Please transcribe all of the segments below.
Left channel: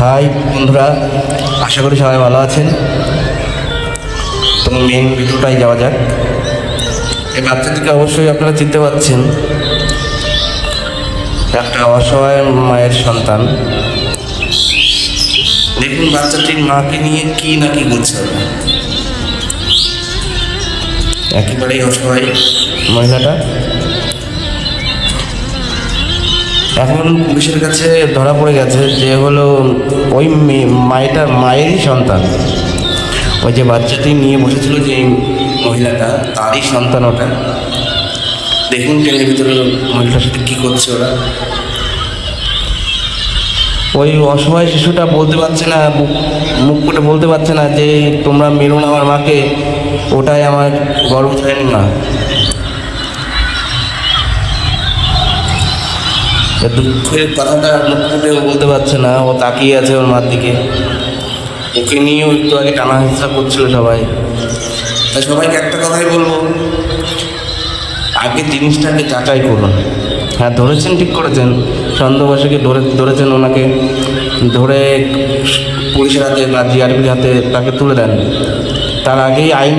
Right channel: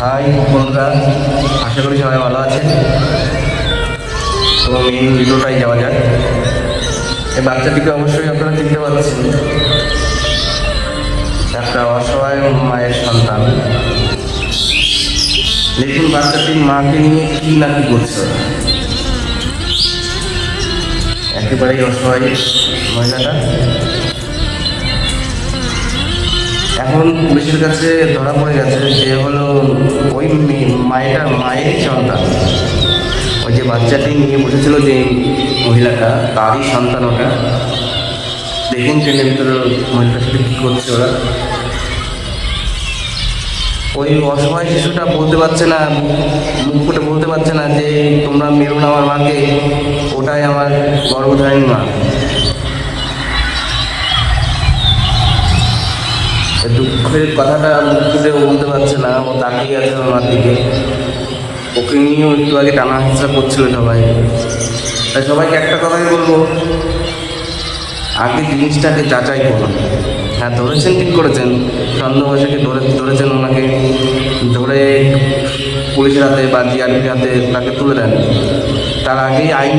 High বন্ধুরা, আশা করি সবাই ভালো আছেন। তো মেন ভিডিওটাই যাওয়া যাক। এই বাচ্চাটিকে অবশ্যই আপনারা চিনতে পারছেন, একটা অসহায় মায়ের সন্তান। দেখুন বাচ্চাটির মাকে নিয়ে কি না কি করছে ওরা। একেবারেই অসহায় মহিলাটা। এখন পুলিশের কাছে ধরা পড়ে গেছে যে হলো ওই মায়েরই সন্তান। ওই যে বাচ্চাটি নিয়ে বসেছিল যে মহিলাটা, তারই সন্তান ওটা। দেখুন ট্রেনের ভিতরে মহিলাটার সাথে কী করছে ওরা। ওই অসহায় শিশুটা বলতে পারছে না, মুখ করে বলতে পারছে না যে তোমরা মেরো না আমার মাকে, ওটাই আমার গর্ভধারিণী মা। দুঃখের কথাটা মুখ ফুটেও বলতে পারছে না। ও তাকিয়ে আছে ওর মার দিকে। ওকে নিয়েও একটু আগে টানা হাসা করছিল সবাই। তাই সবাইকে একটা কথাই বলবো, আগে জিনিসটাকে যাচাই করুন। হ্যাঁ, ধরেছেন, ঠিক করেছেন, সন্দেহবাসীকে ধরেছেন, ওনাকে ধরে পুলিশের হাতে বা জিআরপির হাতে তাকে তুলে দেন। তার আগেই আইন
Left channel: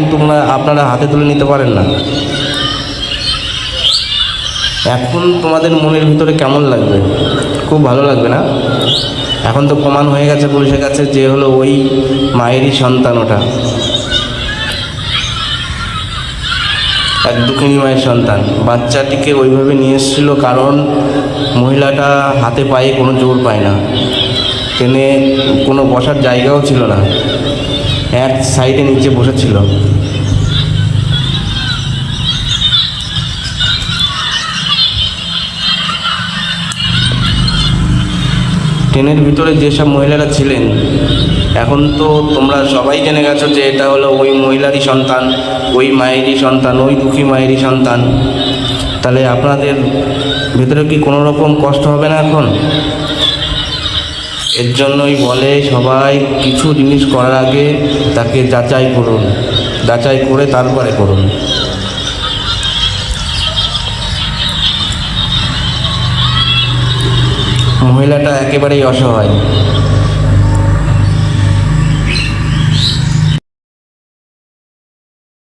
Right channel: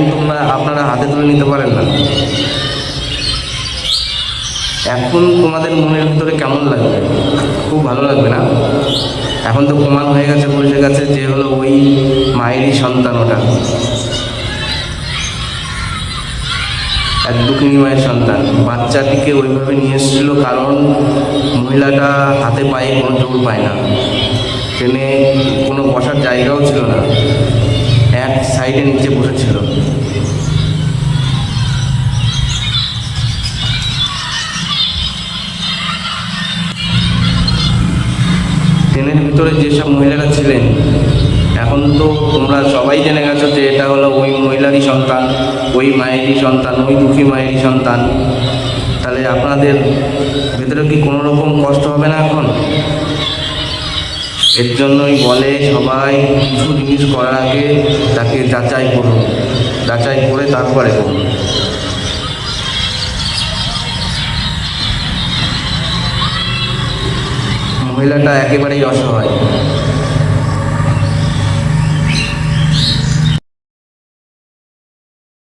আপনারা হাতে তুলে নিতে পারেন না। এখন তোমাদের মনের ভিতরে কেমন লাগবে? খুব ভালো লাগবে না? এখন তো প্রমাণ হয়ে গেছে পুলিশের কাছে যে হলো ওই মায়েরই সন্তান ওটা, এক দুঃখিনী মায়ের সন্তান। বাচ্চাটিকে ওইভাবে নিয়ে এসেছিল কারণ মহিলাটা হাতে পায়ে কোনো জোর পায় না, ট্রেনে কোনো বসার জায়গাও ছিল না, এক সাইডে নিচে বসেছিল। ট্রেনের ভিতরে যেসব মহিলারা ছিলেন, এখন তো তোমরা সবাই জেনে গেছো যে এটা হলো ওই মহিলারই সন্তান, ওই মায়েরই সন্তান, ওই দুঃখী মায়েরই সন্তান। তাহলে আপনাদের ভিতরে কি কোনো রকম কষ্ট হবে না এখন? এর জন্যই বলে সবাই কিছু জিনিস করার আগে তাকে যাচাই করুন, যাচাই করে তারপরে করুন। মহিলাটা একেবারেই অসহায়।